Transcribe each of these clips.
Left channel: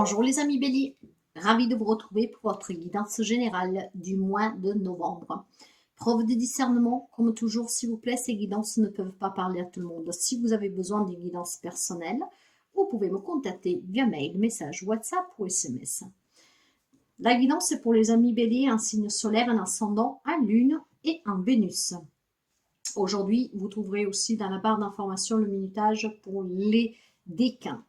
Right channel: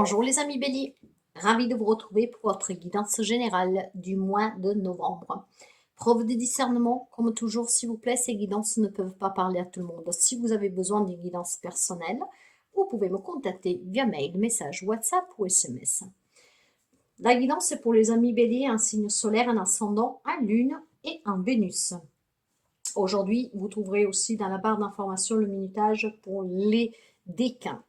Bonjour les amis béliers, ravi de vous retrouver pour votre guidance générale du mois de novembre. Preuve de discernement, comme toujours s'il vous plaît, ces guidances ne peuvent pas parler à tout le monde. Si vous avez besoin de guidance personnelle, vous pouvez me contacter via mail, message, WhatsApp ou SMS. La guidance est pour les amis béliers, un signe solaire, un ascendant, un lune et un Vénus. Aujourd'hui, vous trouverez aussi dans la barre d'information le minutage pour les décans.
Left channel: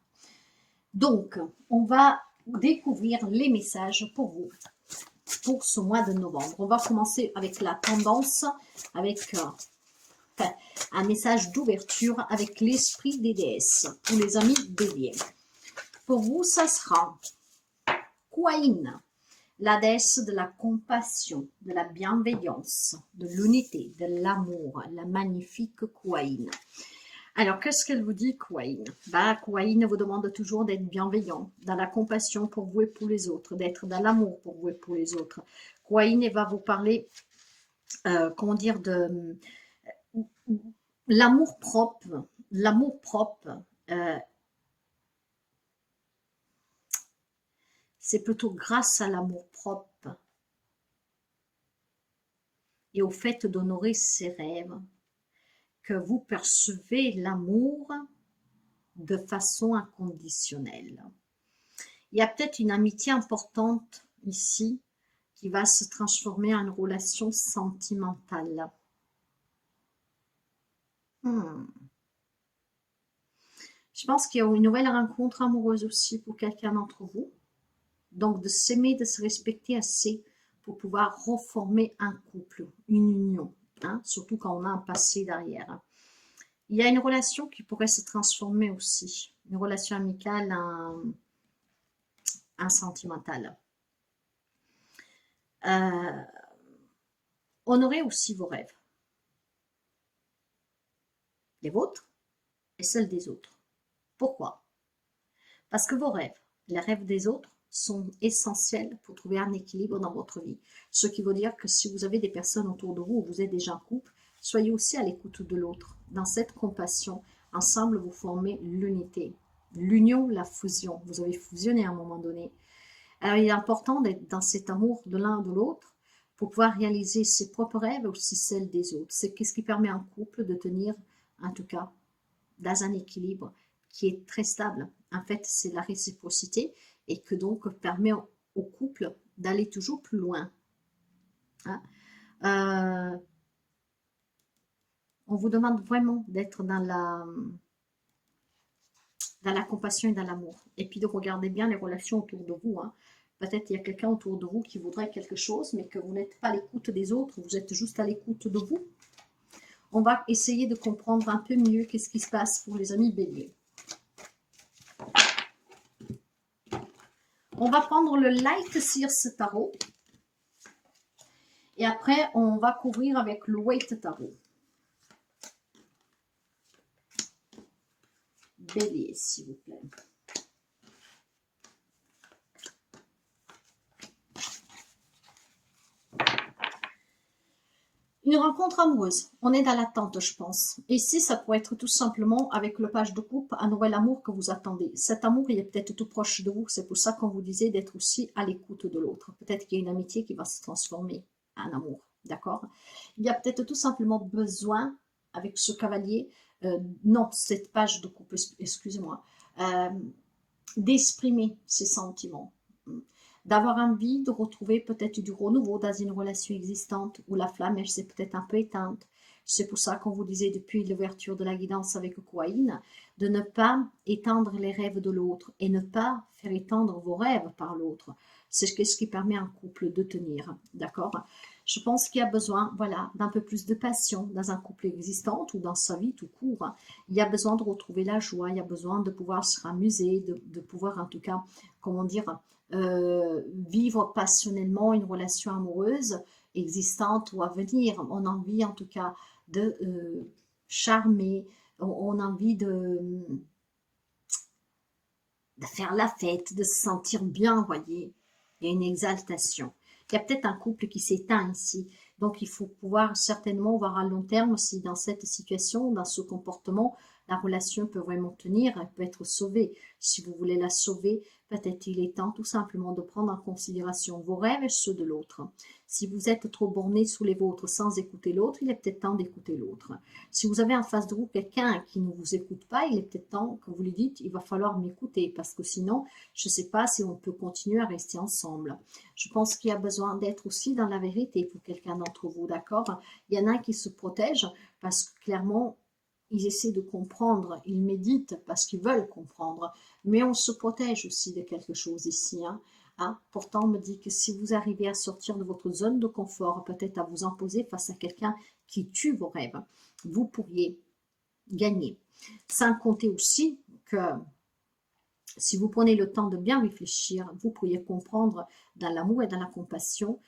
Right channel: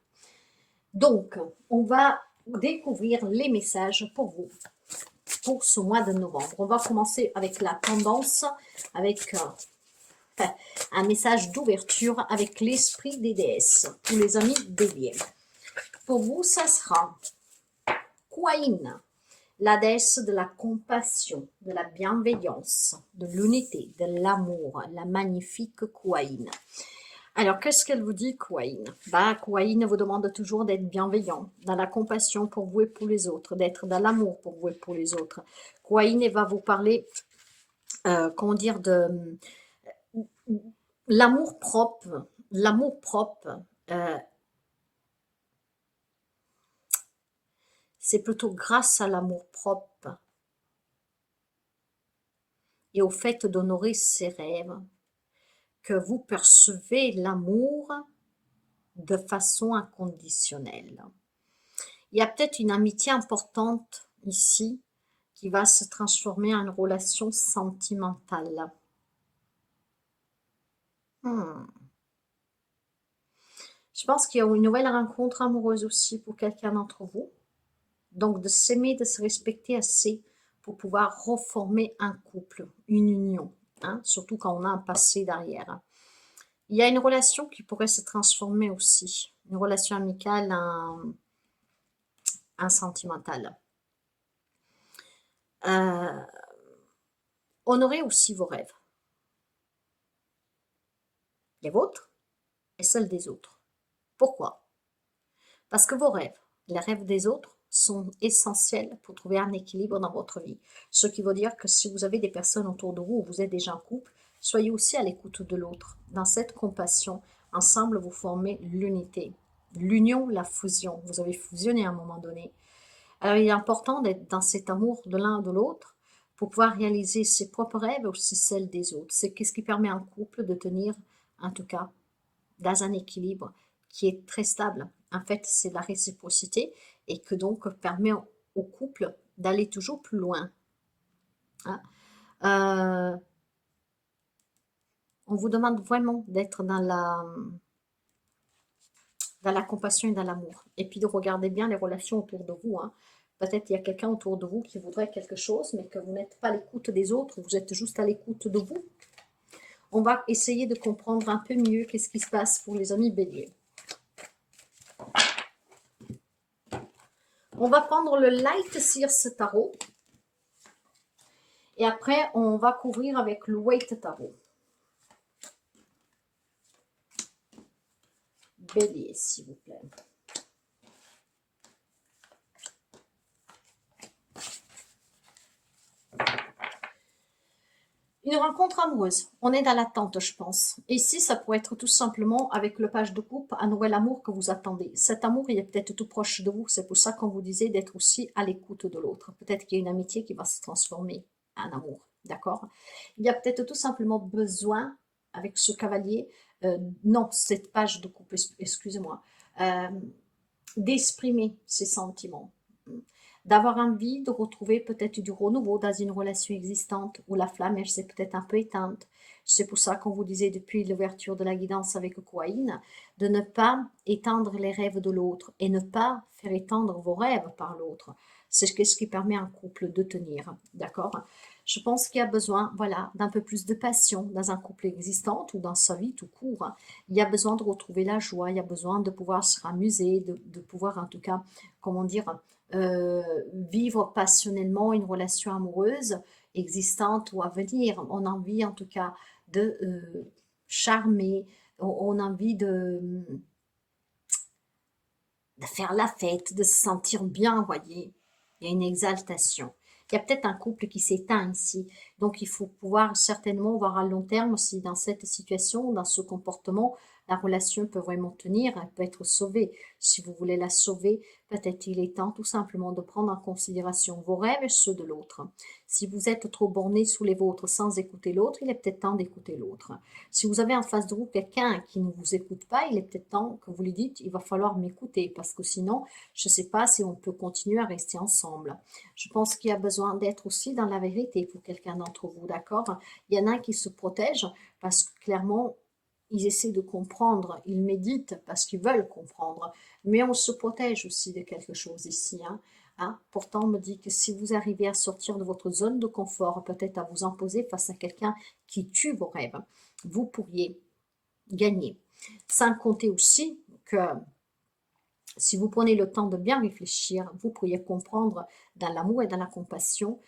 Donc, on va découvrir les messages pour vous, pour ce mois de novembre. On va commencer avec la tendance, avec un message d'ouverture avec l'esprit des déesses, pour les amis béliers. Pour vous, ça sera Kuan, la déesse de la compassion, de la bienveillance, de l'unité, de l'amour, la magnifique Kuan. Alors, qu'est-ce qu'elle vous dit, Kuan? Kuan vous demande toujours d'être bienveillant, dans la compassion pour vous et pour les autres, d'être dans l'amour pour vous et pour les autres. Kuan va vous parler, comment dire, de l'amour propre. L'amour propre, c'est plutôt grâce à l'amour propre et au fait d'honorer ses rêves que vous percevez l'amour de façon inconditionnelle. Il y a peut-être une amitié importante ici qui va se transformer en une relation sentimentale. Je pense qu'il y a une nouvelle rencontre amoureuse aussi pour quelqu'un d'entre vous. Donc de s'aimer, de se respecter assez pour pouvoir reformer un couple, une union, surtout quand on a un passé derrière. Il y a une relation qui pourrait se transformer aussi, une relation amicale en sentimentale. Honorez aussi vos rêves, les vôtres et celles des autres. Pourquoi? Parce que vos rêves, les rêves des autres, sont essentiels pour trouver un équilibre dans votre vie. Ce qui veut dire que si vous avez des personnes autour de vous, ou vous êtes déjà en couple, soyez aussi à l'écoute de l'autre. Dans cette compassion, ensemble, vous formez l'unité. L'union, la fusion. Vous avez fusionné à un moment donné. Alors, il est important d'être dans cet amour de l'un de l'autre pour pouvoir réaliser ses propres rêves et aussi celles des autres. C'est ce qui permet à un couple de tenir, en tout cas, dans un équilibre qui est très stable. En fait, c'est la réciprocité et que donc permet au couple d'aller toujours plus loin. On vous demande vraiment d'être dans la compassion et dans l'amour. Et puis de regarder bien les relations autour de vous. Peut-être qu'il y a quelqu'un autour de vous qui voudrait quelque chose, mais que vous n'êtes pas à l'écoute des autres, vous êtes juste à l'écoute de vous. On va essayer de comprendre un peu mieux qu'est-ce qui se passe pour les amis béliers. On va prendre le Light Seers Tarot. Et après, on va couvrir avec le Weight Tarot. Bélier, s'il vous plaît. Une rencontre amoureuse. On est dans l'attente, je pense. Ici, ça pourrait être tout simplement avec le page de coupe, un nouvel amour que vous attendez. Cet amour, il est peut-être tout proche de vous. C'est pour ça qu'on vous disait d'être aussi à l'écoute de l'autre. Peut-être qu'il y a une amitié qui va se transformer en amour. D'accord? Il y a peut-être tout simplement besoin, avec ce cavalier, non, cette page de coupe, excusez-moi, d'exprimer ses sentiments. D'avoir envie de retrouver peut-être du renouveau dans une relation existante où la flamme, elle s'est peut-être un peu éteinte. C'est pour ça qu'on vous disait depuis l'ouverture de la guidance avec Kuan, de ne pas éteindre les rêves de l'autre et ne pas faire éteindre vos rêves par l'autre. C'est ce qui permet à un couple de tenir, d'accord? Je pense qu'il y a besoin, voilà, d'un peu plus de passion dans un couple existant ou dans sa vie tout court. Il y a besoin de retrouver la joie, il y a besoin de pouvoir se ramuser, de pouvoir en tout cas, comment dire, vivre passionnellement une relation amoureuse existante ou à venir. On a envie en tout cas de charmer, on a envie de faire la fête, de se sentir bien, voyez. Il y a une exaltation. Il y a peut-être un couple qui s'éteint ici. Donc, il faut pouvoir certainement voir à long terme aussi dans cette situation, dans ce comportement, la relation peut vraiment tenir, elle peut être sauvée. Si vous voulez la sauver, peut-être il est temps tout simplement de prendre en considération vos rêves et ceux de l'autre. Si vous êtes trop borné sous les vôtres sans écouter l'autre, il est peut-être temps d'écouter l'autre. Si vous avez en face de vous quelqu'un qui ne vous écoute pas, il est peut-être temps que vous lui dites, il va falloir m'écouter, parce que sinon, je ne sais pas si on peut continuer à rester ensemble. Je pense qu'il y a besoin d'être aussi dans la vérité pour quelqu'un d'entre vous, d'accord? Il y en a qui se protègent parce que clairement, ils essaient de comprendre, ils méditent parce qu'ils veulent comprendre, mais on se protège aussi de quelque chose ici, hein. Pourtant, on me dit que si vous arrivez à sortir de votre zone de confort, peut-être à vous imposer face à quelqu'un qui tue vos rêves, vous pourriez gagner. Sans compter aussi que si vous prenez le temps de bien réfléchir, vous pourriez comprendre dans l'amour et dans la compassion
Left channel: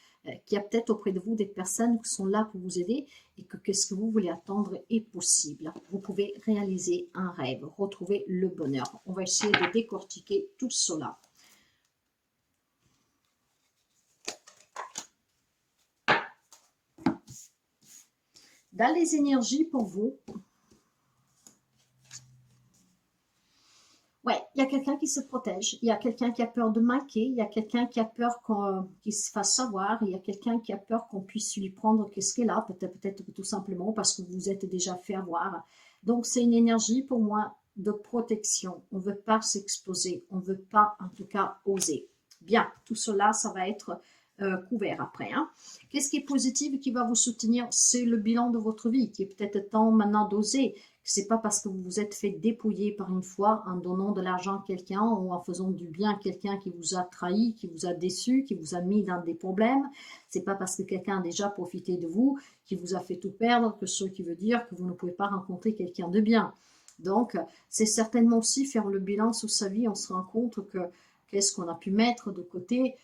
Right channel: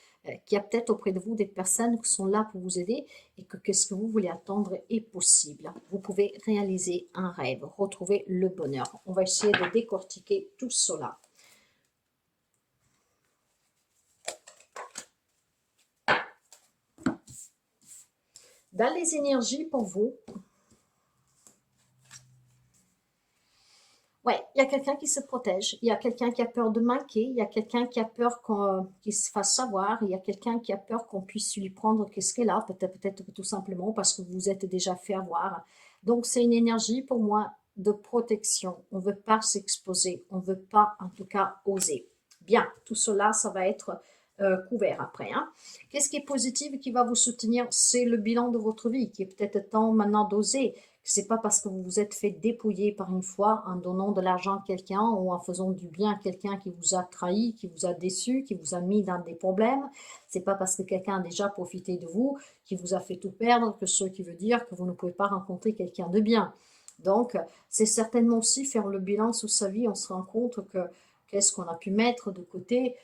qu'il y a peut-être auprès de vous des personnes qui sont là pour vous aider et que ce que vous voulez attendre est possible. Vous pouvez réaliser un rêve, retrouver le bonheur. On va essayer de décortiquer tout cela. Dans les énergies pour vous, ouais, il y a quelqu'un qui se protège, il y a quelqu'un qui a peur de manquer, il y a quelqu'un qui a peur qu'il se fasse savoir, il y a quelqu'un qui a peur qu'on puisse lui prendre qu'est-ce qu'elle a, peut-être tout simplement parce que vous vous êtes déjà fait avoir. Donc c'est une énergie pour moi de protection. On ne veut pas s'exposer, on ne veut pas en tout cas oser. Bien, tout cela, ça va être couvert après. Qu'est-ce qui est positif et qui va vous soutenir? C'est le bilan de votre vie qui est peut-être temps maintenant d'oser. C'est pas parce que vous vous êtes fait dépouiller par une fois en donnant de l'argent à quelqu'un ou en faisant du bien à quelqu'un qui vous a trahi, qui vous a déçu, qui vous a mis dans des problèmes. C'est pas parce que quelqu'un a déjà profité de vous, qui vous a fait tout perdre, que ce qui veut dire que vous ne pouvez pas rencontrer quelqu'un de bien. Donc, c'est certainement aussi faire le bilan sur sa vie. On se rend compte que qu'est-ce qu'on a pu mettre de côté.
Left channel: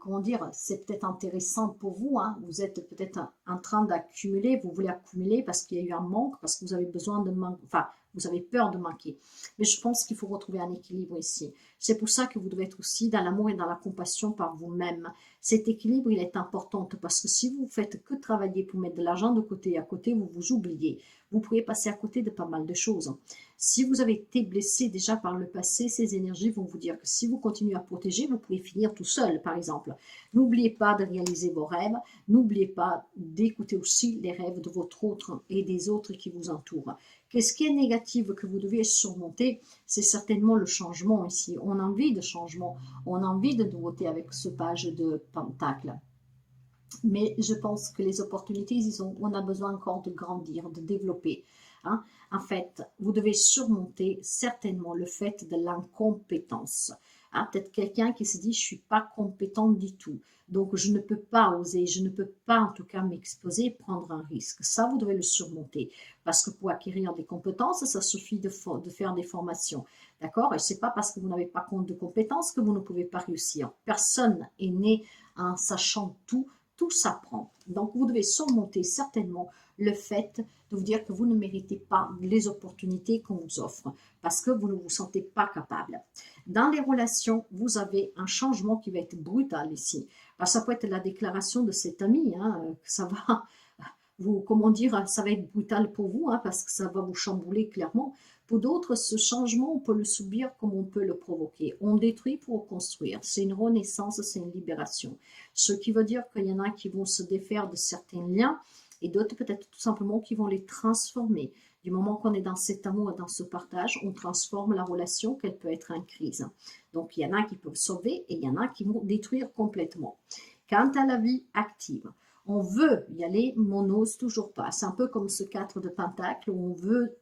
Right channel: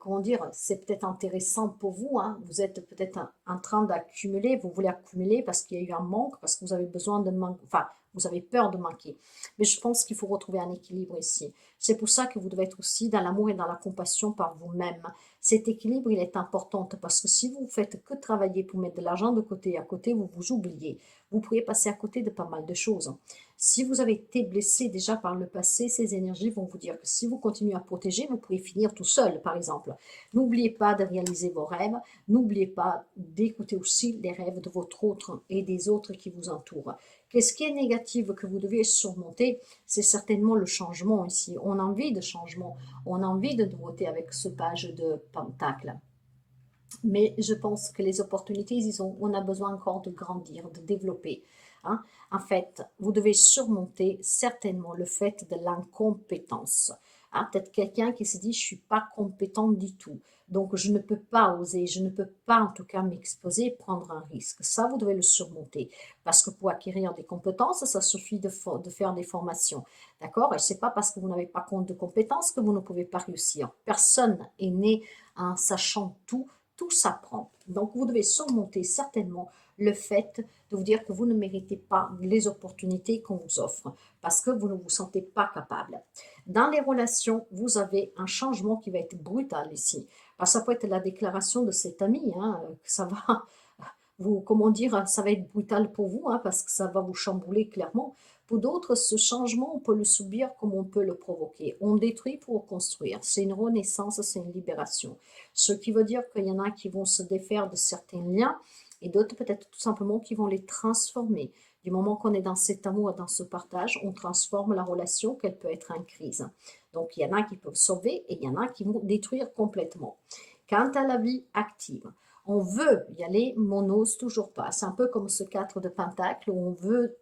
Comment dire, c'est peut-être intéressant pour vous, vous êtes peut-être en train d'accumuler, vous voulez accumuler parce qu'il y a eu un manque, parce que vous avez besoin de manquer, enfin, vous avez peur de manquer. Mais je pense qu'il faut retrouver un équilibre ici. C'est pour ça que vous devez être aussi dans l'amour et dans la compassion par vous-même. Cet équilibre, il est important parce que si vous faites que travailler pour mettre de l'argent de côté, à côté, vous vous oubliez. Vous pourriez passer à côté de pas mal de choses. Si vous avez été blessé déjà par le passé, ces énergies vont vous dire que si vous continuez à protéger, vous pouvez finir tout seul, par exemple. N'oubliez pas de réaliser vos rêves. N'oubliez pas d'écouter aussi les rêves de votre autre et des autres qui vous entourent. Qu'est-ce qui est négatif que vous devez surmonter? C'est certainement le changement ici. On a envie de changement, on a envie de nouveauté avec ce page de Pentacle. Mais je pense que les opportunités, on a besoin encore de grandir, de développer. En fait, vous devez surmonter certainement le fait de l'incompétence. Peut-être quelqu'un qui se dit, je ne suis pas compétent du tout. Donc, je ne peux pas oser, je ne peux pas en tout cas m'exposer, prendre un risque. Ça, vous devez le surmonter. Parce que pour acquérir des compétences, ça suffit de faire des formations. D'accord? Et ce n'est pas parce que vous n'avez pas compte de compétences que vous ne pouvez pas réussir. Personne est né en sachant tout. Tout s'apprend. Donc, vous devez surmonter certainement le fait de vous dire que vous ne méritez pas les opportunités qu'on vous offre parce que vous ne vous sentez pas capable. Dans les relations, vous avez un changement qui va être brutal ici. Parce que ça peut être la déclaration de cet ami, que ça va vous, comment dire, ça va être brutal pour vous, parce que ça va vous chambouler clairement. Pour d'autres, ce changement, on peut le subir comme on peut le provoquer. On détruit pour construire. C'est une renaissance, c'est une libération. Ce qui veut dire qu'il y en a qui vont se défaire de certains liens et d'autres peut-être tout simplement qui vont les transformer. Du moment qu'on est dans cet amour, dans ce partage, on transforme la relation qu'elle peut être en crise. Donc, il y en a qui peuvent sauver et il y en a qui vont détruire complètement. Quant à la vie active, on veut y aller, mais on n'ose toujours pas. C'est un peu comme ce 4 de Pentacle où on veut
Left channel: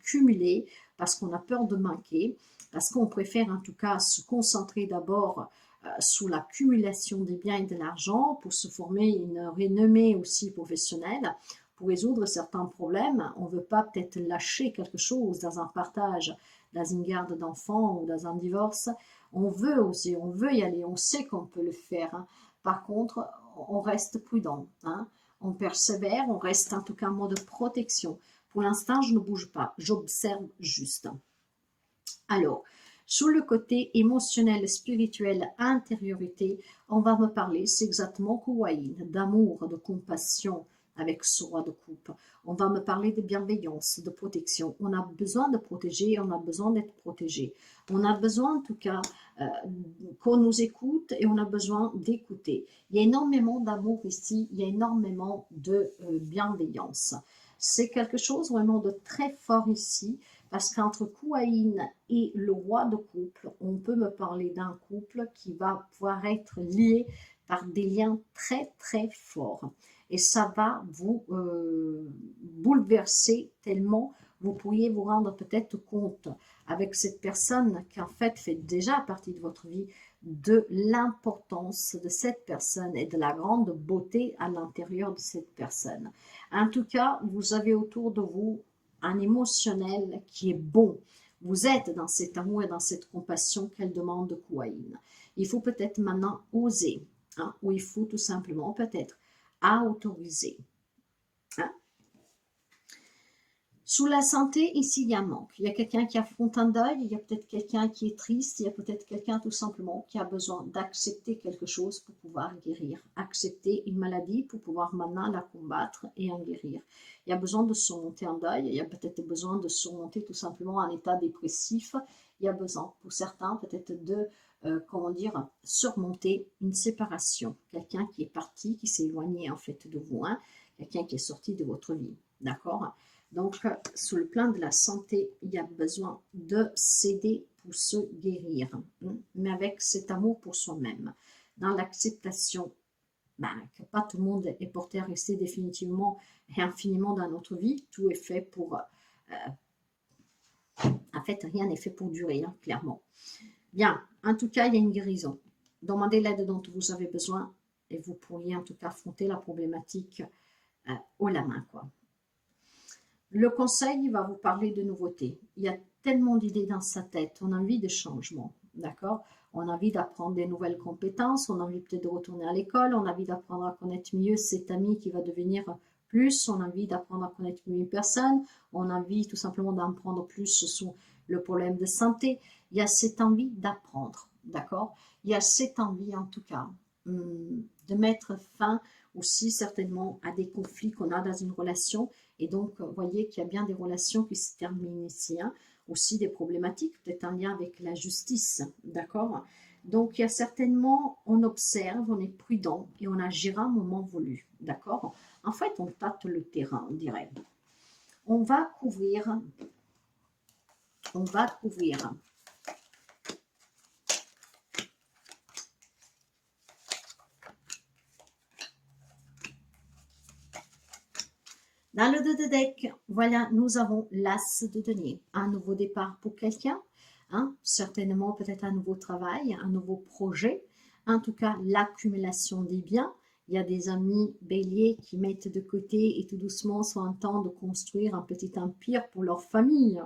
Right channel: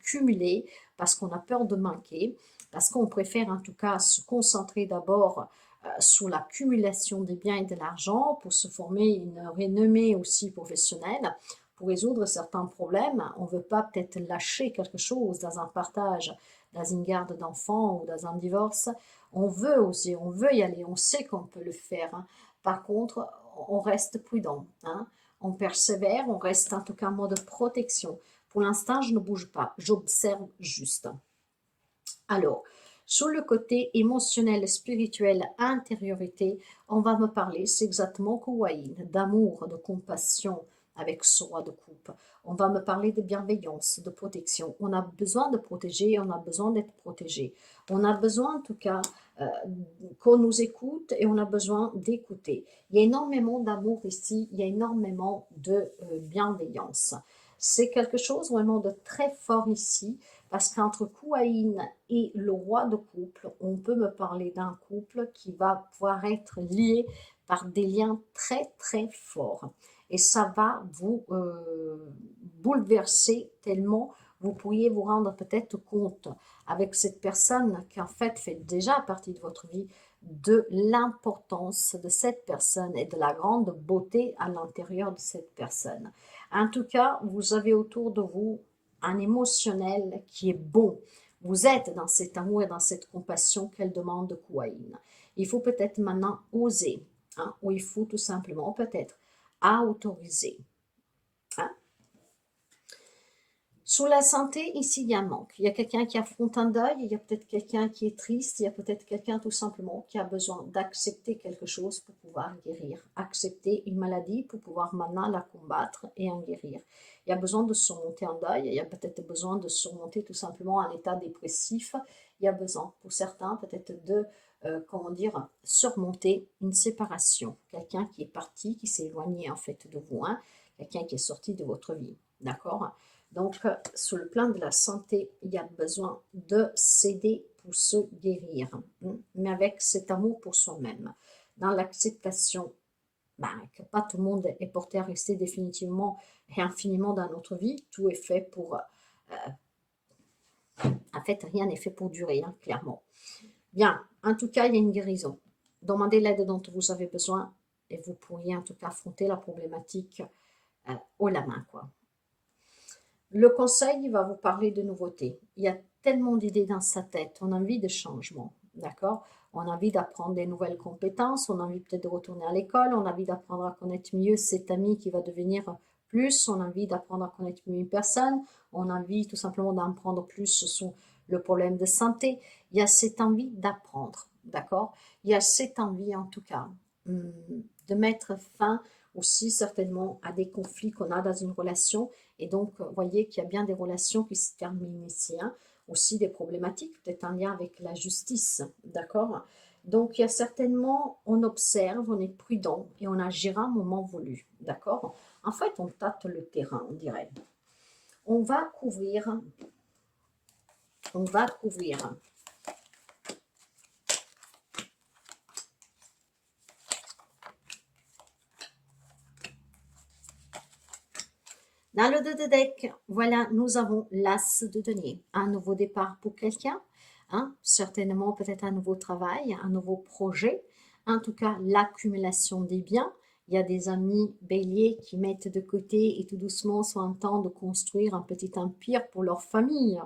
cumuler parce qu'on a peur de manquer, parce qu'on préfère en tout cas se concentrer d'abord sur l'accumulation des biens et de l'argent pour se former une renommée aussi professionnelle, pour résoudre certains problèmes. On ne veut pas peut-être lâcher quelque chose dans un partage, dans une garde d'enfants ou dans un divorce. On veut oser, on veut y aller, on sait qu'on peut le faire. Par contre, on reste prudent, on persévère, on reste en tout cas en mode protection. Pour l'instant, je ne bouge pas, j'observe juste. Alors, sur le côté émotionnel, spirituel, intériorité, on va me parler, c'est exactement Kouaïn, d'amour, de compassion, avec ce roi de coupe. On va me parler de bienveillance, de protection. On a besoin de protéger, on a besoin d'être protégé. On a besoin en tout cas qu'on nous écoute et on a besoin d'écouter. Il y a énormément d'amour ici, il y a énormément de bienveillance. C'est quelque chose vraiment de très fort ici, parce qu'entre Kouaïn et le roi de couple, on peut me parler d'un couple qui va pouvoir être lié par des liens très très forts. Et ça va vous bouleverser tellement vous pourriez vous rendre peut-être compte avec cette personne qui en fait déjà partie de votre vie de l'importance de cette personne et de la grande beauté à l'intérieur de cette personne. En tout cas, vous avez autour de vous un émotionnel qui est bon. Vous êtes dans cet amour et dans cette compassion qu'elle demande de Kouaïn. Il faut peut-être maintenant oser, hein, ou il faut tout simplement peut-être autoriser. Hein. Sous la santé, ici, il y a un manque. Il y a quelqu'un qui affronte un deuil, il y a peut-être quelqu'un qui est triste, il y a peut-être quelqu'un tout simplement qui a besoin d'accepter quelque chose pour pouvoir guérir. Accepter une maladie pour pouvoir maintenant la combattre et en guérir. Il y a besoin de surmonter un deuil, il y a peut-être besoin de surmonter tout simplement un état dépressif. Il y a besoin, pour certains, peut-être de, comment dire, surmonter une séparation. Quelqu'un qui est parti, qui s'est éloigné en fait de vous, hein, quelqu'un qui est sorti de votre vie. D'accord ? Donc, sur le plan de la santé, il y a besoin de s'aider pour se guérir, hein, mais avec cet amour pour soi-même. Dans l'acceptation, que pas tout le monde est porté à rester définitivement et infiniment dans notre vie, tout est fait pour... en fait, rien n'est fait pour durer, hein, clairement. Bien, en tout cas, il y a une guérison. Demandez l'aide dont vous avez besoin et vous pourriez en tout cas affronter la problématique haut la main, quoi. Le conseil, il va vous parler de nouveautés. Il y a tellement d'idées dans sa tête. On a envie de changement, d'accord? On a envie d'apprendre des nouvelles compétences. On a envie peut-être de retourner à l'école. On a envie d'apprendre à connaître mieux cet ami qui va devenir plus. On a envie d'apprendre à connaître mieux une personne. On a envie tout simplement d'apprendre plus sur le problème de santé. Il y a cette envie d'apprendre, d'accord? Il y a cette envie, en tout cas, de mettre fin aussi certainement à des conflits qu'on a dans une relation. Et donc, vous voyez qu'il y a bien des relations qui se terminent ici, hein. Aussi des problématiques, peut-être un lien avec la justice, d'accord? Donc, il y a certainement, on observe, on est prudent et on agira au moment voulu, d'accord? En fait, on tâte le terrain, on dirait. On va couvrir dans le dos de deck, voilà, nous avons l'as de denier. Un nouveau départ pour quelqu'un, hein, certainement peut-être un nouveau travail, un nouveau projet. En tout cas, l'accumulation des biens. Il y a des amis béliers qui mettent de côté et tout doucement sont en train de construire un petit empire pour leur famille.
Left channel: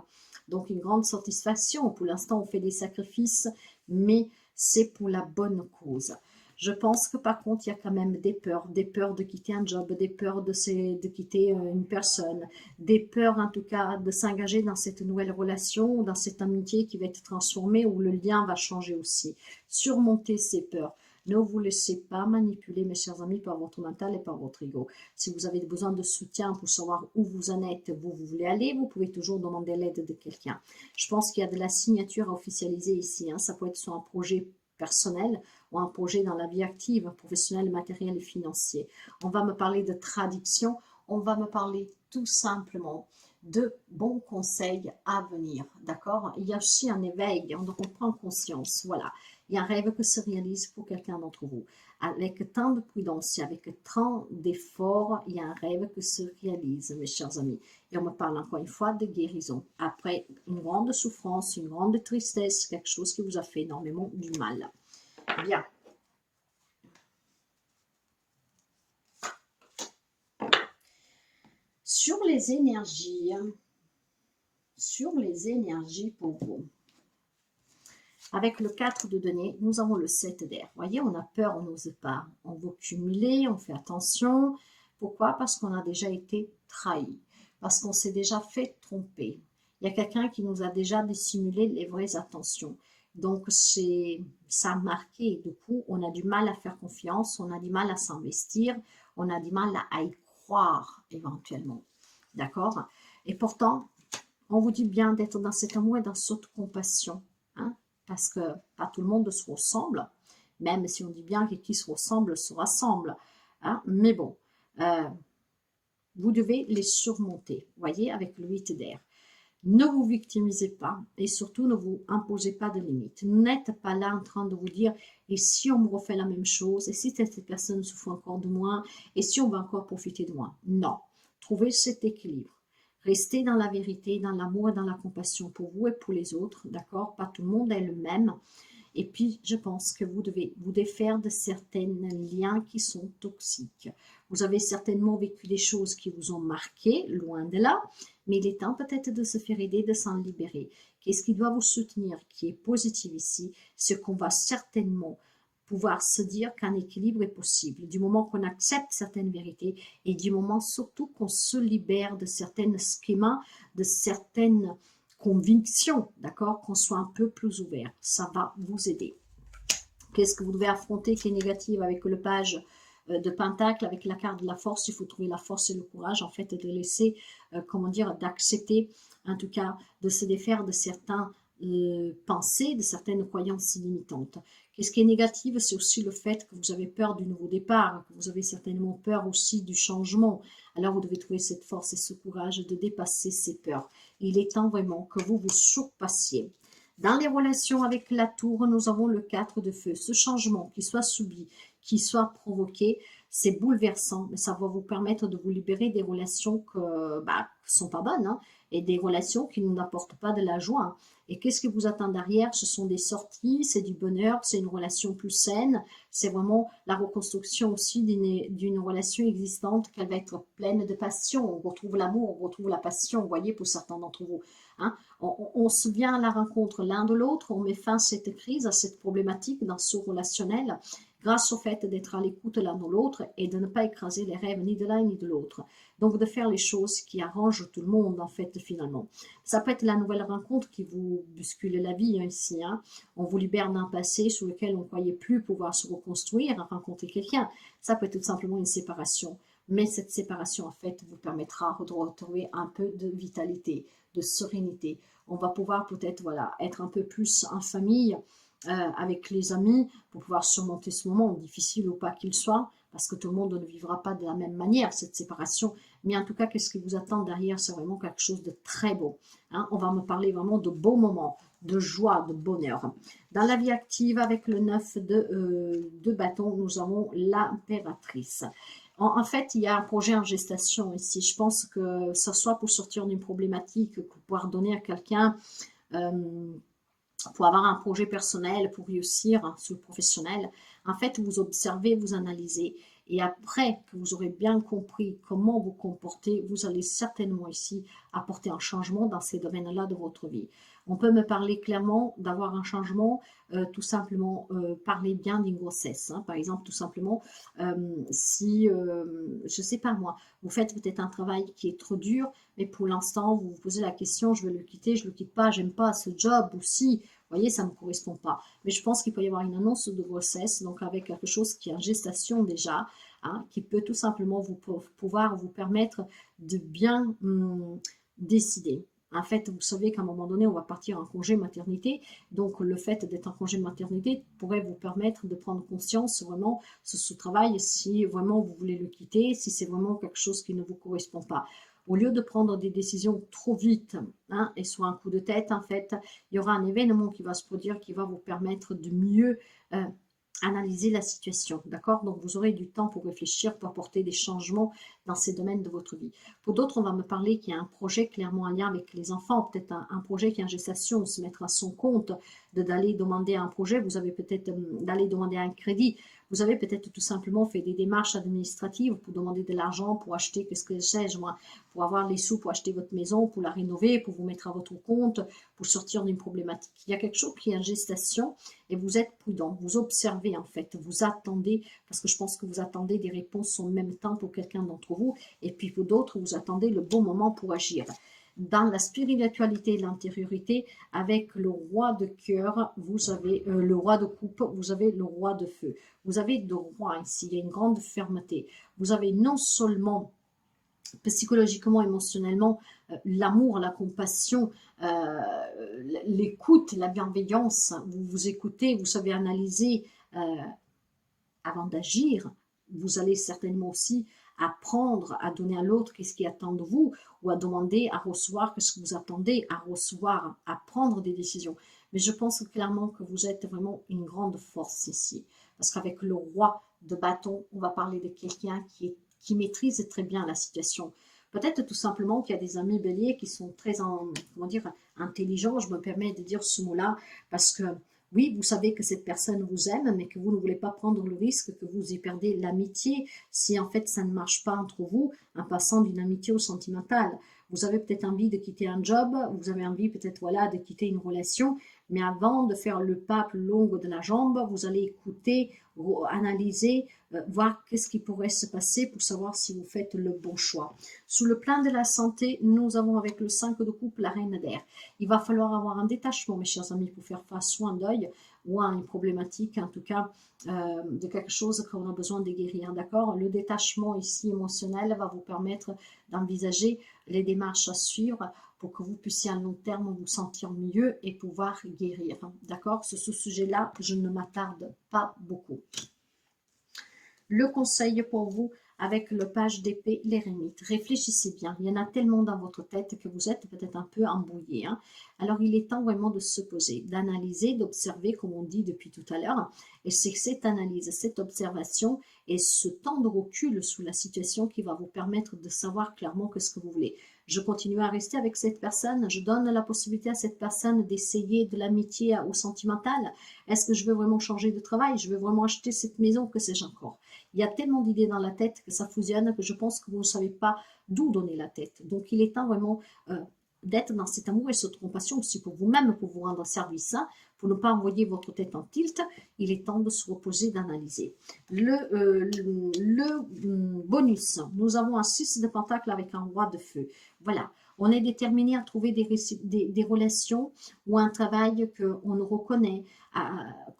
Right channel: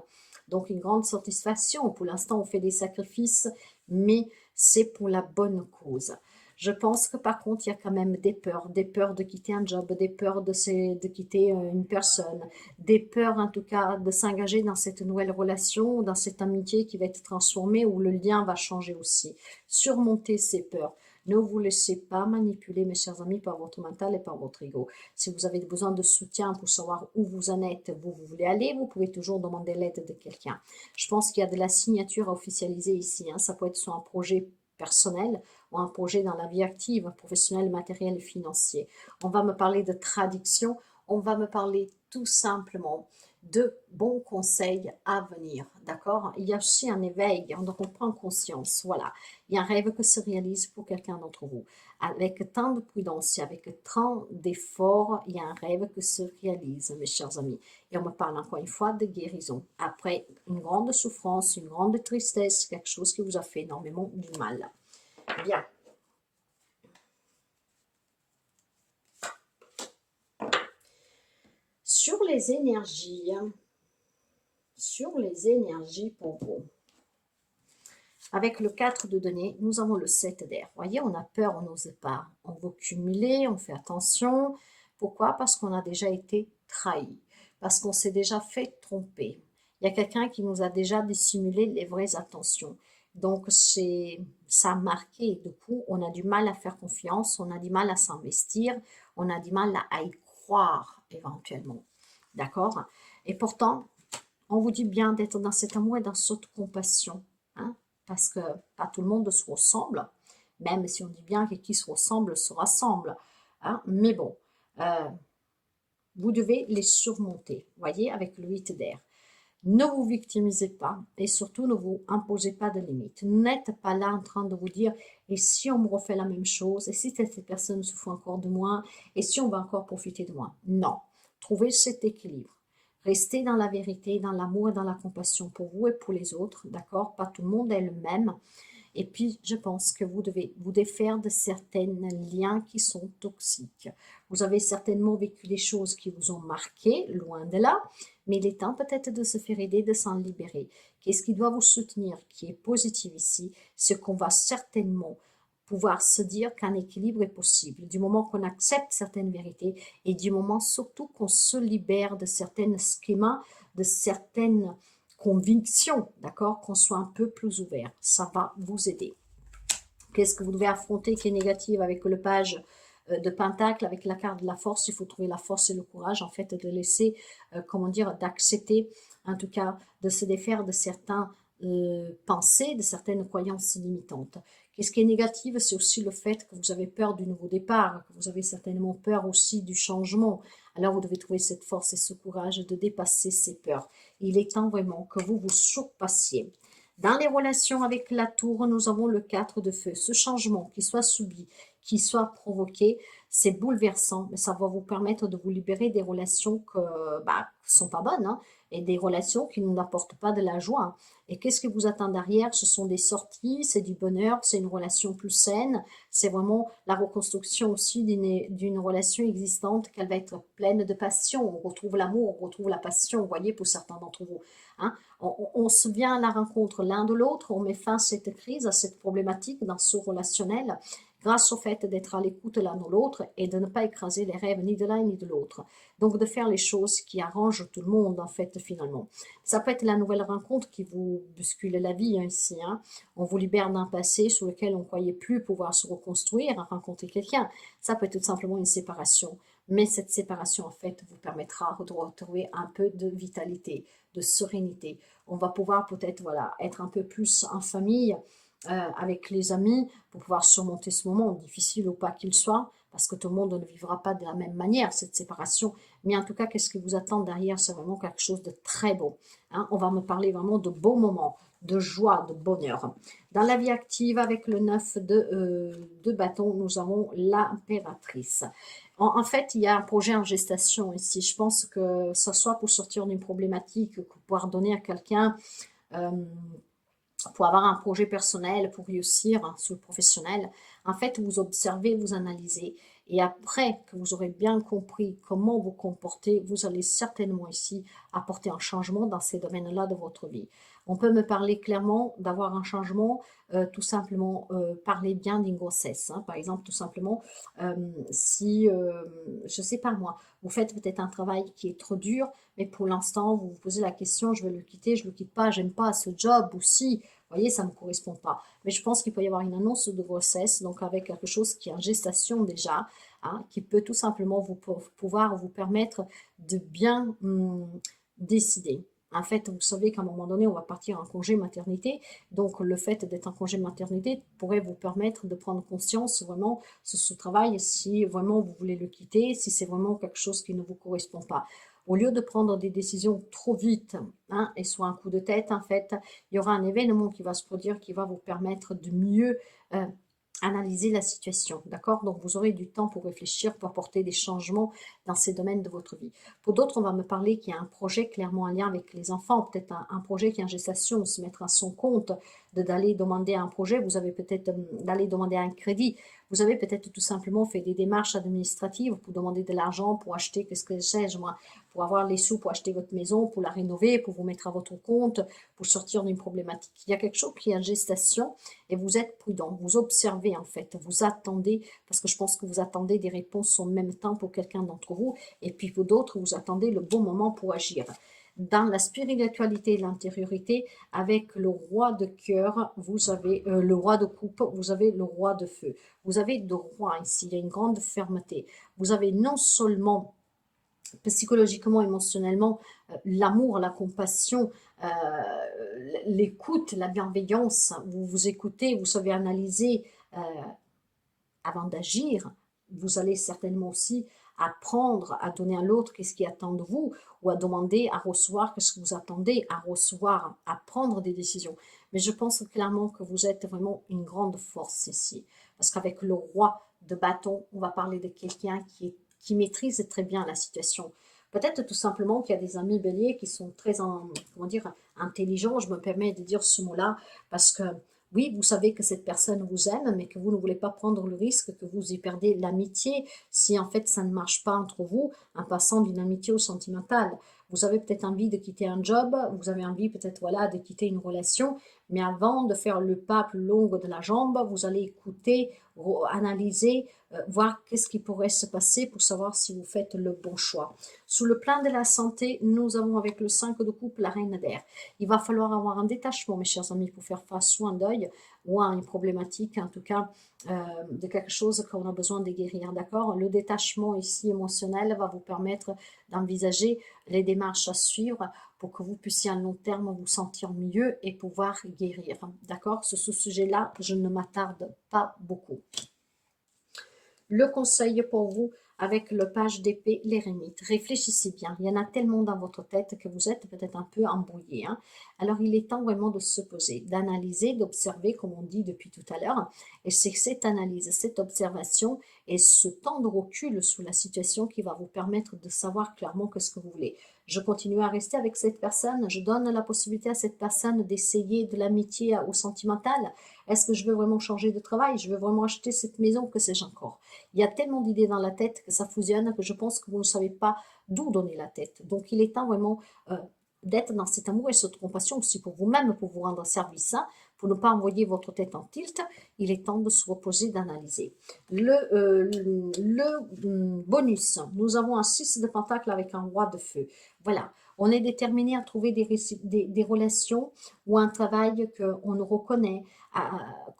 Donc, une grande satisfaction. Pour l'instant, on fait des sacrifices, mais c'est pour la bonne cause. Je pense que par contre, il y a quand même des peurs de quitter un job, des peurs de quitter une personne, des peurs en tout cas de s'engager dans cette nouvelle relation, dans cette amitié qui va être transformée, où le lien va changer aussi. Surmonter ces peurs. Ne vous laissez pas manipuler, mes chers amis, par votre mental et par votre ego. Si vous avez besoin de soutien pour savoir où vous en êtes, où vous voulez aller, vous pouvez toujours demander l'aide de quelqu'un. Je pense qu'il y a de la signature à officialiser ici, hein. Ça peut être sur un projet personnel ou un projet dans la vie active, professionnelle, matérielle et financier. On va me parler de traduction, on va me parler tout simplement de bons conseils à venir, d'accord? Il y a aussi un éveil, on prend conscience, voilà. Il y a un rêve qui se réalise pour quelqu'un d'entre vous. Avec tant de prudence et avec tant d'efforts, il y a un rêve qui se réalise, mes chers amis. Et on me parle encore une fois de guérison. Après une grande souffrance, une grande tristesse, quelque chose qui vous a fait énormément du mal. Bien. Sur les énergies pour vous. Avec le 4 de denier, nous avons le 7 d'air. Vous voyez, on a peur, on n'ose pas. On veut cumuler, on fait attention. Pourquoi? Parce qu'on a déjà été trahi. Parce qu'on s'est déjà fait tromper. Il y a quelqu'un qui nous a déjà dissimulé les vraies intentions. Donc, ça a marqué. Du coup, on a du mal à faire confiance, on a du mal à s'investir, on a du mal à y croire éventuellement. D'accord? Et pourtant, on vous dit bien d'être dans cet amour et dans cette compassion. Hein, parce que pas tout le monde se ressemble. Même si on dit bien que qui se ressemble se rassemble. Hein, mais bon, vous devez les surmonter. Voyez, avec le 8 d'air. Ne vous victimisez pas et surtout ne vous imposez pas de limites. N'êtes pas là en train de vous dire et si on me refait la même chose et si cette personne se fout encore de moi et si on va encore profiter de moi. Non, trouvez cet équilibre. Restez dans la vérité, dans l'amour et dans la compassion pour vous et pour les autres, d'accord? Pas tout le monde est le même. Et puis, je pense que vous devez vous défaire de certains liens qui sont toxiques. Vous avez certainement vécu des choses qui vous ont marqué, loin de là, mais il est temps peut-être de se faire aider, de s'en libérer. Qu'est-ce qui doit vous soutenir, qui est positif ici, c'est qu'on va certainement pouvoir se dire qu'un équilibre est possible, du moment qu'on accepte certaines vérités et du moment surtout qu'on se libère de certains schémas, de certaines conviction, d'accord, qu'on soit un peu plus ouvert. Ça va vous aider. Qu'est-ce que vous devez affronter qui est négatif avec le page de Pentacle, avec la carte de la force? Il faut trouver la force et le courage, en fait, de laisser, comment dire, d'accepter, en tout cas, de se défaire de certains pensées, de certaines croyances limitantes. Qu'est-ce qui est négatif? C'est aussi le fait que vous avez peur du nouveau départ, que vous avez certainement peur aussi du changement. Alors, vous devez trouver cette force et ce courage de dépasser ces peurs. Il est temps vraiment que vous vous surpassiez. Dans les relations avec la tour, nous avons le 4 de feu. Ce changement, qu'il soit subi, qu'il soit provoqué, c'est bouleversant, mais ça va vous permettre de vous libérer des relations qui sont pas bonnes, hein, et des relations qui ne nous apportent pas de la joie. Et qu'est-ce qui vous attend derrière? Ce sont des sorties, c'est du bonheur, c'est une relation plus saine, c'est vraiment la reconstruction aussi d'une relation existante qu'elle va être pleine de passion. On retrouve l'amour, on retrouve la passion, vous voyez, pour certains d'entre vous. Hein. On se vient à la rencontre l'un de l'autre, on met fin à cette crise, à cette problématique dans ce relationnel, grâce au fait d'être à l'écoute l'un de l'autre et de ne pas écraser les rêves ni de l'un ni de l'autre. Donc de faire les choses qui arrangent tout le monde, en fait, finalement. Ça peut être la nouvelle rencontre qui vous bouscule la vie, hein, ici. Hein. On vous libère d'un passé sur lequel on ne croyait plus pouvoir se reconstruire, rencontrer quelqu'un. Ça peut être tout simplement une séparation. Mais cette séparation, en fait, vous permettra de retrouver un peu de vitalité, de sérénité. On va pouvoir peut-être voilà, être un peu plus en famille, avec les amis, pour pouvoir surmonter ce moment, difficile ou pas qu'il soit, parce que tout le monde ne vivra pas de la même manière, cette séparation. Mais en tout cas, qu'est-ce qui vous attend derrière? C'est vraiment quelque chose de très beau. Hein. On va me parler vraiment de beaux moments, de joie, de bonheur. Dans la vie active, avec le 9 de bâton, nous avons l'impératrice. En fait, il y a un projet en gestation ici. Je pense que ce soit pour sortir d'une problématique, pour pouvoir donner à quelqu'un, pour avoir un projet personnel, pour réussir hein, sur le professionnel. En fait, vous observez, vous analysez. Et après que vous aurez bien compris comment vous comportez, vous allez certainement ici apporter un changement dans ces domaines-là de votre vie. On peut me parler clairement d'avoir un changement, tout simplement parler bien d'une grossesse. Hein. Par exemple, tout simplement, si, je ne sais pas moi, vous faites peut-être un travail qui est trop dur, mais pour l'instant, vous vous posez la question, je vais le quitter, je ne le quitte pas, j'aime pas ce job, ou si, vous voyez, ça ne me correspond pas. Mais je pense qu'il peut y avoir une annonce de grossesse, donc avec quelque chose qui est en gestation déjà, hein, qui peut tout simplement pouvoir vous permettre de bien décider. En fait, vous savez qu'à un moment donné, on va partir en congé maternité. Donc, le fait d'être en congé maternité pourrait vous permettre de prendre conscience vraiment sur ce travail, si vraiment vous voulez le quitter, si c'est vraiment quelque chose qui ne vous correspond pas. Au lieu de prendre des décisions trop vite hein, et sur un coup de tête, en fait, il y aura un événement qui va se produire qui va vous permettre de mieux analyser la situation, d'accord? Donc, vous aurez du temps pour réfléchir, pour apporter des changements dans ces domaines de votre vie. Pour d'autres, on va me parler qu'il y a un projet clairement en lien avec les enfants, peut-être un projet qui est en gestation, se mettre à son compte, d'aller demander un projet, vous avez peut-être d'aller demander un crédit, vous avez peut-être tout simplement fait des démarches administratives pour demander de l'argent, pour acheter, qu'est-ce que sais-je moi, pour avoir les sous pour acheter votre maison, pour la rénover, pour vous mettre à votre compte, pour sortir d'une problématique. Il y a quelque chose qui est en gestation et vous êtes prudent, vous observez en fait, vous attendez, parce que je pense que vous attendez des réponses en même temps pour quelqu'un d'entre vous, et puis pour d'autres, vous attendez le bon moment pour agir. Dans la spiritualité et l'intériorité, avec le roi de cœur, vous avez le roi de coupe, vous avez le roi de feu. Vous avez deux rois ici, il y a une grande fermeté. Vous avez non seulement psychologiquement, émotionnellement, l'amour, la compassion, l'écoute, la bienveillance. Vous vous écoutez, vous savez analyser avant d'agir. Vous allez certainement aussi apprendre à donner à l'autre qu'est-ce qui attend de vous, ou à demander à recevoir qu'est-ce que vous attendez à recevoir, à prendre des décisions. Mais je pense clairement que vous êtes vraiment une grande force ici. Parce qu'avec le roi de bâton, on va parler de quelqu'un qui maîtrise très bien la situation. Peut-être tout simplement qu'il y a des amis béliers qui sont très, comment dire, intelligents. Je me permets de dire ce mot-là parce que oui, vous savez que cette personne vous aime, mais que vous ne voulez pas prendre le risque que vous y perdez l'amitié si en fait ça ne marche pas entre vous, en passant d'une amitié au sentimental. Vous avez peut-être envie de quitter un job, vous avez envie peut-être voilà de quitter une relation, mais avant de faire le pas plus long de la jambe, vous allez écouter, analyser, voir qu'est-ce qui pourrait se passer pour savoir si vous faites le bon choix. Sous le plan de la santé, nous avons avec le 5 de coupe la reine d'air. Il va falloir avoir un détachement, mes chers amis, pour faire face soit à un deuil ou à une problématique, en tout cas, de quelque chose qu'on a besoin de guérir, d'accord? Le détachement ici émotionnel va vous permettre d'envisager les démarches à suivre pour que vous puissiez à long terme vous sentir mieux et pouvoir guérir, d'accord? Sur ce sujet-là, je ne m'attarde pas beaucoup. Le conseil pour vous, avec le page d'épée, l'éremite. Réfléchissez bien, il y en a tellement dans votre tête que vous êtes peut-être un peu embrouillé. Alors il est temps vraiment de se poser, d'analyser, d'observer, comme on dit depuis tout à l'heure. Et c'est cette analyse, cette observation et ce temps de recul sous la situation qui va vous permettre de savoir clairement ce que vous voulez. Je continue à rester avec cette personne, je donne la possibilité à cette personne d'essayer de l'amitié au sentimental. Est-ce que je veux vraiment changer de travail? Je veux vraiment acheter cette maison? Que sais-je encore? Il y a tellement d'idées dans la tête que ça fusionne que je pense que vous ne savez pas d'où donner la tête. Donc, il est temps vraiment d'être dans cet amour et cette compassion aussi pour vous-même, pour vous rendre service, pour ne pas envoyer votre tête en tilt. Il est temps de se reposer, d'analyser. Le bonus, nous avons un 6 de pentacle avec un roi de feu. Voilà, on est déterminé à trouver des relations ou un travail qu'on nous reconnaît,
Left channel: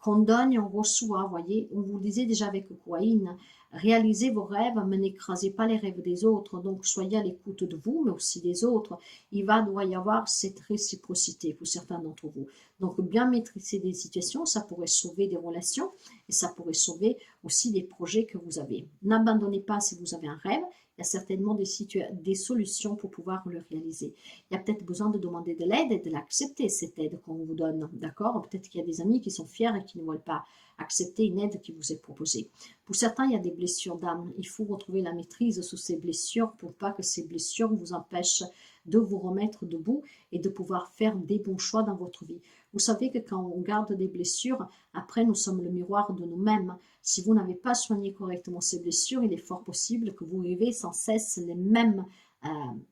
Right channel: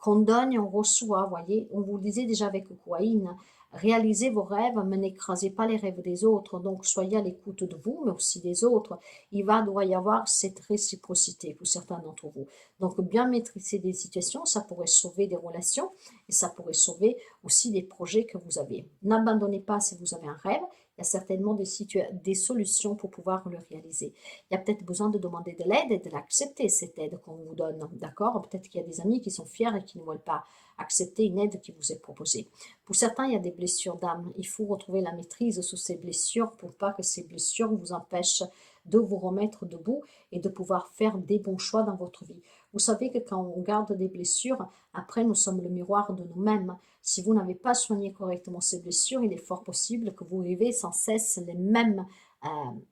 qu'on donne, on reçoit, voyez. On vous le disait déjà avec Kouaïn, réalisez vos rêves, mais n'écrasez pas les rêves des autres. Donc, soyez à l'écoute de vous, mais aussi des autres. Doit y avoir cette réciprocité pour certains d'entre vous. Donc, bien maîtriser des situations, ça pourrait sauver des relations et ça pourrait sauver aussi des projets que vous avez. N'abandonnez pas si vous avez un rêve. Il y a certainement des solutions pour pouvoir le réaliser. Il y a peut-être besoin de demander de l'aide et de l'accepter, cette aide qu'on vous donne. D'accord? Peut-être qu'il y a des amis qui sont fiers et qui ne veulent pas accepter une aide qui vous est proposée. Pour certains, il y a des blessures d'âme. Il faut retrouver la maîtrise sur ces blessures pour pas que ces blessures vous empêchent de vous remettre debout et de pouvoir faire des bons choix dans votre vie. Vous savez que quand on garde des blessures, après nous sommes le miroir de nous-mêmes. Si vous n'avez pas soigné correctement ces blessures, il est fort possible que vous vivez sans cesse les mêmes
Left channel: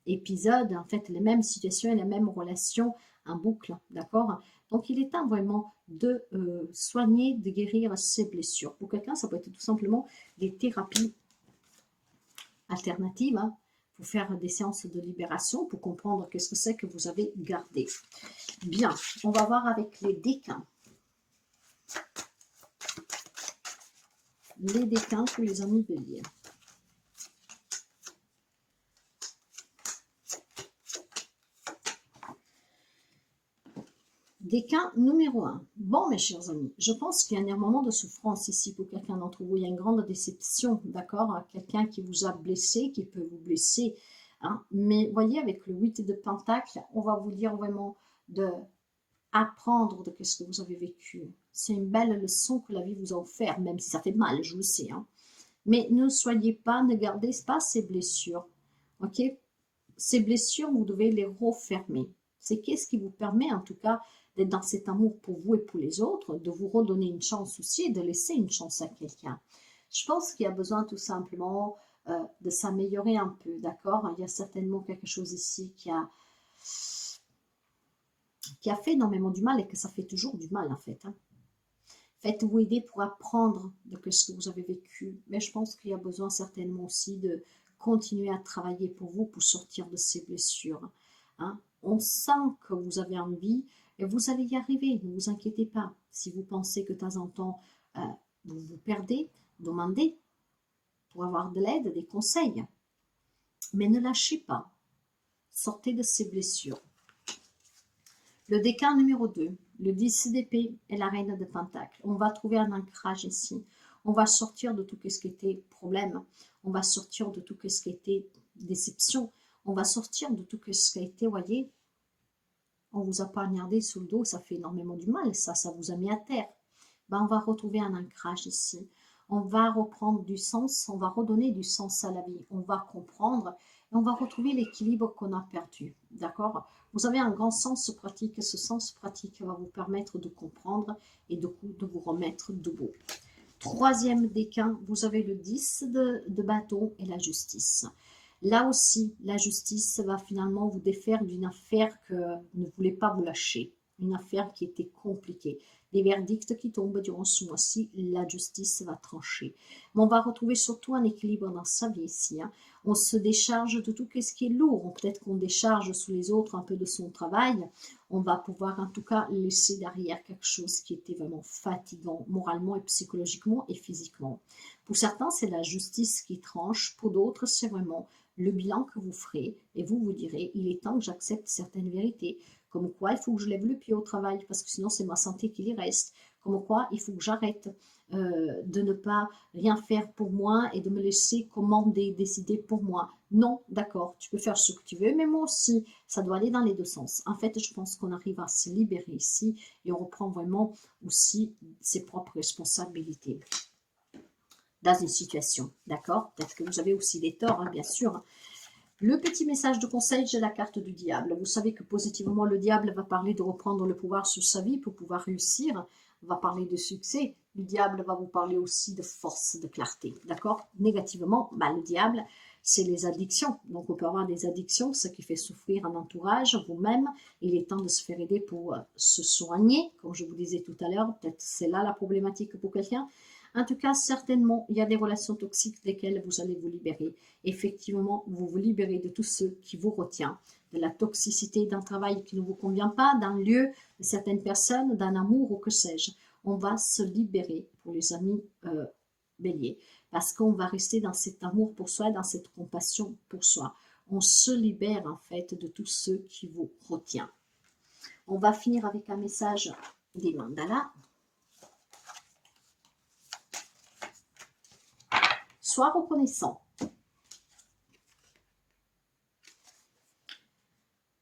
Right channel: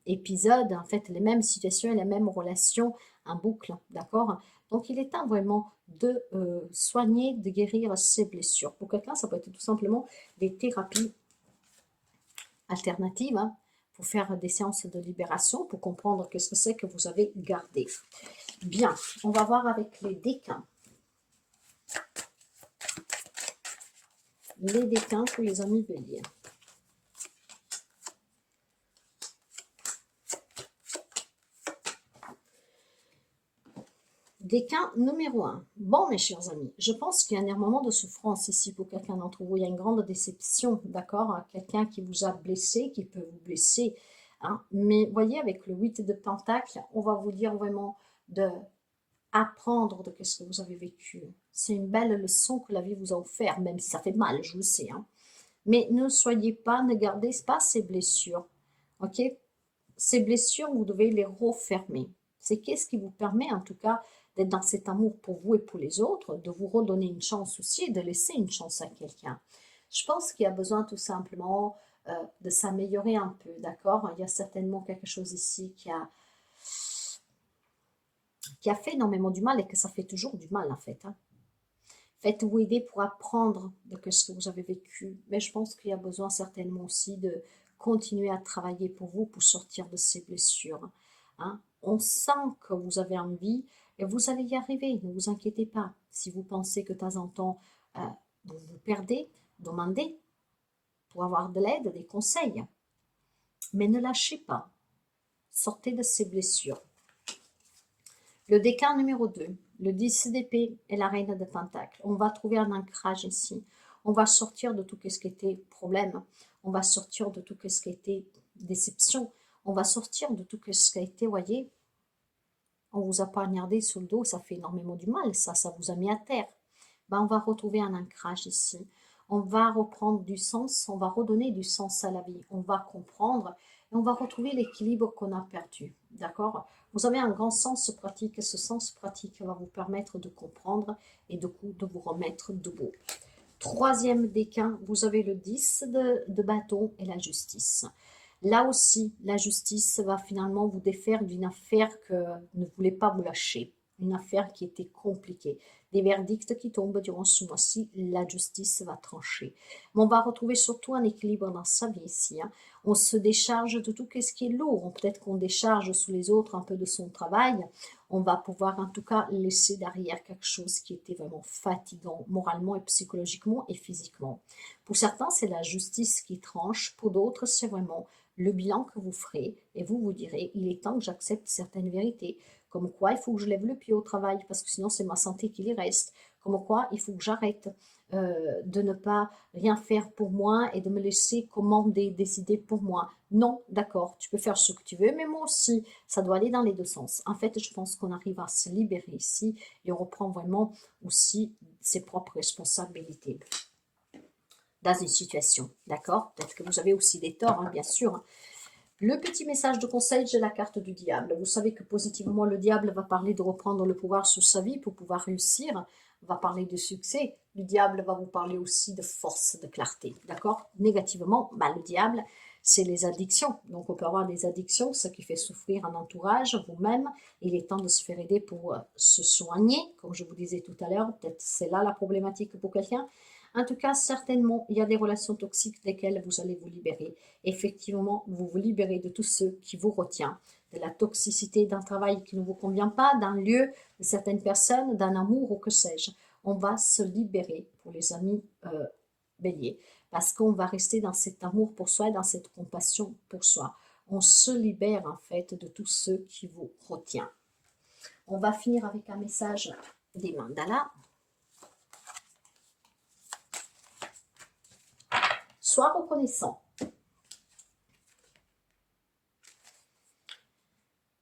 épisodes, en fait les mêmes situations et les mêmes relations en boucle, d'accord? Donc il est temps vraiment de soigner, de guérir ces blessures. Pour quelqu'un, ça peut être tout simplement des thérapies alternatives, pour faire des séances de libération, pour comprendre qu'est-ce que c'est que vous avez gardé. Bien, on va voir avec les décans. Les décans pour les amis béliers. Décan numéro 1. Bon, mes chers amis, je pense qu'il y a un moment de souffrance ici pour quelqu'un d'entre vous. Il y a une grande déception, d'accord? Quelqu'un qui vous a blessé, qui peut vous blesser. Mais voyez, avec le 8 de Pentacle, on va vous dire vraiment de apprendre de ce que vous avez vécu. C'est une belle leçon que la vie vous a offert, même si ça fait mal, je le sais. Mais ne soyez pas, ne gardez pas ces blessures. Ok? Ces blessures, vous devez les refermer. C'est qu'est-ce qui vous permet, en tout cas, d'être dans cet amour pour vous et pour les autres, de vous redonner une chance aussi et de laisser une chance à quelqu'un. Je pense qu'il y a besoin tout simplement de s'améliorer un peu, d'accord? Il y a certainement quelque chose ici qui a fait énormément du mal et que ça fait toujours du mal en fait. Faites-vous aider pour apprendre de ce que vous avez vécu, mais je pense qu'il y a besoin certainement aussi de continuer à travailler pour vous pour sortir de ces blessures. On sent que vous avez envie et vous allez y arriver, ne vous inquiétez pas. Si vous pensez que de temps en temps vous vous perdez, demandez pour avoir de l'aide, des conseils. Mais ne lâchez pas. Sortez de ces blessures. Le décan numéro 2, le 10 d'épée et la reine de pentacle. On va trouver un ancrage ici. On va sortir de tout ce qui était problème. On va sortir de tout ce qui était déception. On va sortir de tout ce qui a été, voyez, on vous a poignardé sur le dos, ça fait énormément du mal, ça vous a mis à terre. Ben, on va retrouver un ancrage ici. On va reprendre du sens, on va redonner du sens à la vie. On va comprendre et on va retrouver l'équilibre qu'on a perdu. D'accord? Vous avez un grand sens pratique et ce sens pratique va vous permettre de comprendre et de vous remettre debout. Troisième décan, vous avez le 10 de bâton et la justice. Là aussi, la justice va finalement vous défaire d'une affaire que ne voulait pas vous lâcher. Une affaire qui était compliquée. Des verdicts qui tombent durant ce mois-ci, la justice va trancher. Mais on va retrouver surtout un équilibre dans sa vie ici. Hein. On se décharge de tout ce qui est lourd. Peut-être qu'on décharge sous les autres un peu de son travail. On va pouvoir en tout cas laisser derrière quelque chose qui était vraiment fatigant moralement et psychologiquement et physiquement. Pour certains, c'est la justice qui tranche. Pour d'autres, c'est vraiment le bilan que vous ferez et vous vous direz, il est temps que j'accepte certaines vérités. Comme quoi, il faut que je lève le pied au travail parce que sinon c'est ma santé qui y reste. Comme quoi, il faut que j'arrête de ne pas rien faire pour moi et de me laisser commander, décider pour moi. Non, d'accord, tu peux faire ce que tu veux, mais moi aussi, ça doit aller dans les deux sens. En fait, je pense qu'on arrive à se libérer ici et on reprend vraiment aussi ses propres responsabilités dans une situation, d'accord? Peut-être que vous avez aussi des torts, hein, bien sûr. Le petit message de conseil, j'ai la carte du diable. Vous savez que positivement, le diable va parler de reprendre le pouvoir sur sa vie pour pouvoir réussir, va parler de succès. Le diable va vous parler aussi de force, de clarté, d'accord? Négativement, le diable, c'est les addictions. Donc, on peut avoir des addictions, ce qui fait souffrir un entourage, vous-même. Il est temps de se faire aider pour se soigner, comme je vous disais tout à l'heure. Peut-être c'est là la problématique pour quelqu'un. En tout cas, certainement, il y a des relations toxiques desquelles vous allez vous libérer. Effectivement, vous vous libérez de tout ce qui vous retient, de la toxicité d'un travail qui ne vous convient pas, d'un lieu, de certaines personnes, d'un amour ou que sais-je. On va se libérer pour les amis béliers, parce qu'on va rester dans cet amour pour soi, dans cette compassion pour soi. On se libère en fait de tout ce qui vous retient. On va finir avec un message des mandalas. Sois reconnaissant.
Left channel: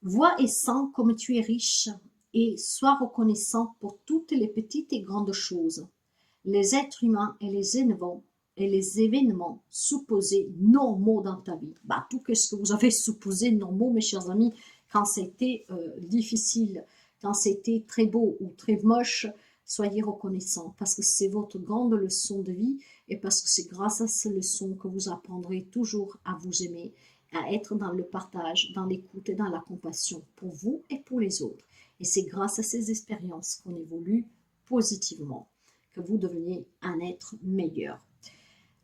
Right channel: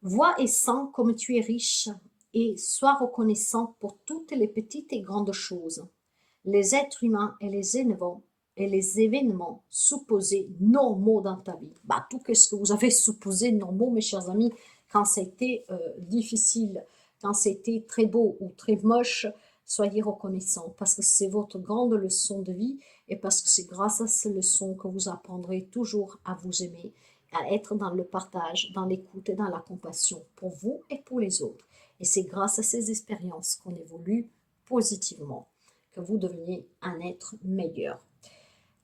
Vois et sens comme tu es riche et sois reconnaissant pour toutes les petites et grandes choses. Les êtres humains et les événements supposés normaux dans ta vie. Tout ce que vous avez supposé normaux, mes chers amis, quand c'était difficile, quand c'était très beau ou très moche, soyez reconnaissants parce que c'est votre grande leçon de vie et parce que c'est grâce à ces leçons que vous apprendrez toujours à vous aimer, à être dans le partage, dans l'écoute et dans la compassion pour vous et pour les autres. Et c'est grâce à ces expériences qu'on évolue positivement, que vous deveniez un être meilleur.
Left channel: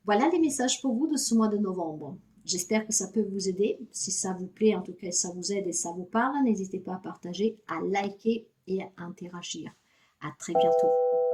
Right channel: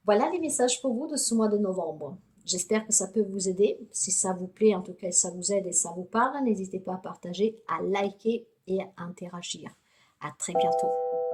Voilà les messages pour vous de ce mois de novembre. J'espère que ça peut vous aider. Si ça vous plaît, en tout cas, ça vous aide et ça vous parle, n'hésitez pas à partager, à liker et à interagir. À très bientôt.